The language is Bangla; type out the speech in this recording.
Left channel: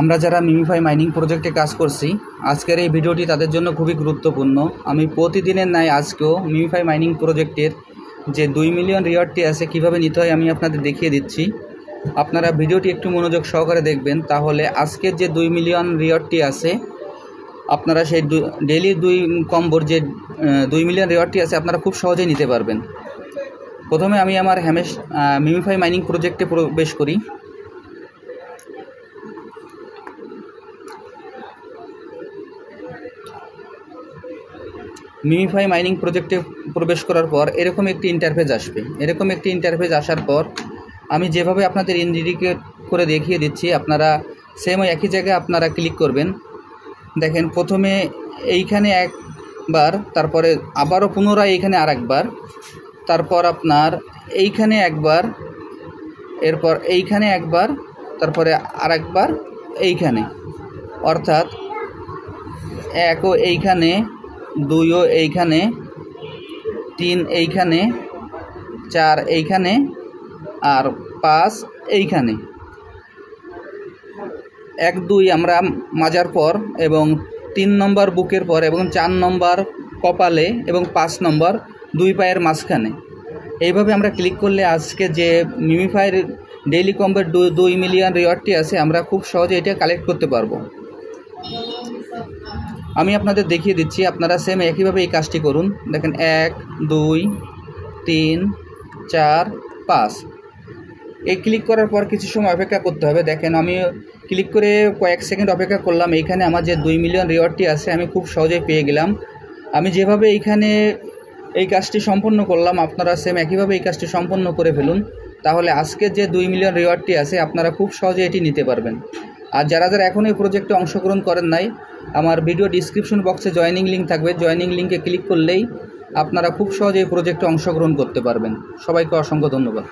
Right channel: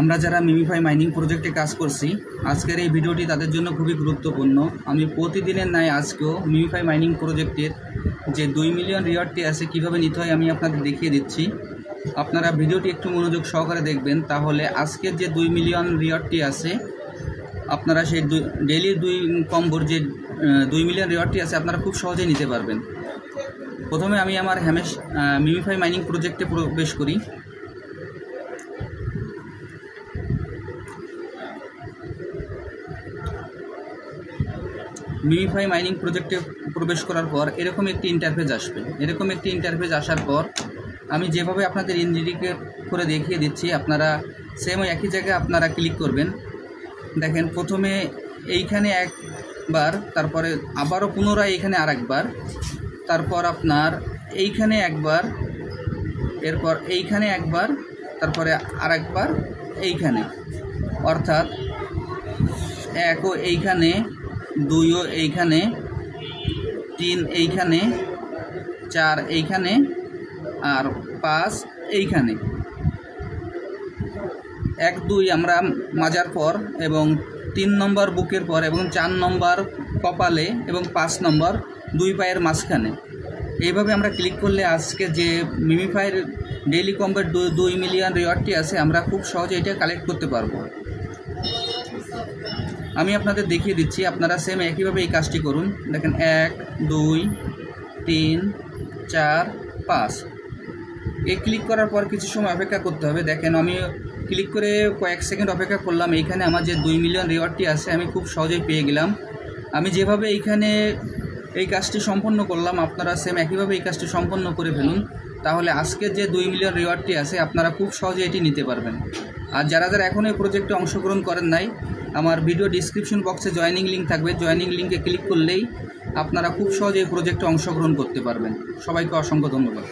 আমরা যারা মিমিফাই মাইনিং প্রজেক্টে কাজ করছি, আজকের এই ভিডিওটি তাদের জন্য খুবই গুরুত্বপূর্ণ। আমি প্রতিদিনের ন্যায় আজকেও মিমিফাই মাইনিং প্রজেক্টের যে 2 মিলিয়ন রিওয়ার্ডটি আছে কীভাবে নিতে হয় আমি আপনাদের দেখিয়ে দিচ্ছি। আপনারা ভিডিওটি একটু মনোযোগ সহকারে দেখবেন, তাহলে আজকের যে 2 মিলিয়ন রিওয়ার্ডটি আছে আপনারা সেই ডেইলি 2 কম্বোর যে 2 মিলিয়ন রিওয়ার্ডটি আছে আপনারা খুব সহজেই নিতে পারবেন। প্রথমে আমি আমার মিমিফাই মাইনিং প্রজেক্টে প্রবেশ করি। মিমিফাই মাইনিং প্রজেক্টে প্রবেশ করার পর এরকম একটি ইন্টারফেস আসবে। এরকম একটি ইন্টারফেস আসার পর আমি যেভাবে আপনাদের ইন্ডিকেট করে দেখিয়ে দিচ্ছি, আপনারা সেম একই জায়গায় আপনারা ক্লিক করবেন। দেখেন প্রথমে এইখানে একবার, তারপরে আবারও পুনরায় এইখানে আরেকবার, তারপর আপনার এইখানে একবার, এরপর এইখানে একবার, তারপরে আরেকবার এইখানে, অর্থাৎ 1ও এইখানে, 2ও এইখানে, 3 এইখানে, 4 এইখানে, আর 5 এইখানে। 1, 2 আমরা মাজার পর এবং 3 নম্বর বুকের পর এবং 4 নম্বর কপালে এবং 5 নম্বর 2 পায়ের মাঝখানে। এইভাবে আমরা ক্লিক করলে আজকে যে মিমিফাইয়ের ডেইলি কম্বোর 2 মিলিয়ন রিওয়ার্ডটি আছে আমরা খুব সহজে এটা কালেক্ট করতে পারবো। আমি আপনাদের দেখিয়ে দিচ্ছি, আপনারা সেম একইভাবে এই কাজটি করুন। দেখেন 1, 2, 3, 4, 5 এই ক্লিক করার পর কিছু সময় অপেক্ষা করতে হবে। দেখেন আমি ক্লিক করে কয়েক সেকেন্ড অপেক্ষা করলাম, এইখানে আমার যে 2 মিলিয়ন রিওয়ার্ডটি আছে আমি খুব সহজেই পেয়ে গেলাম। আমি যেভাবে এইখানে এই কাজটি সম্পূর্ণ করলাম আপনারা সেম একইভাবে এই কাজটি সম্পন্ন করে ফেলুন, তাহলে আজকের যে 2 মিলিয়ন রিওয়ার্ডটি আছে আপনারা খুব সহজে এটি নিতে পারবেন। আর যারা এখনও এই প্রজেক্টে অংশগ্রহণ করেন নাই, আমার ভিডিও ডিসক্রিপশন বক্সে জয়েনিং লিঙ্ক থাকবে, জয়েনিং লিঙ্কে ক্লিক করলেই আপনারা খুব সহজে এই প্রজেক্টে অংশগ্রহণ করতে পারবেন। সবাইকে অসংখ্য ধন্যবাদ।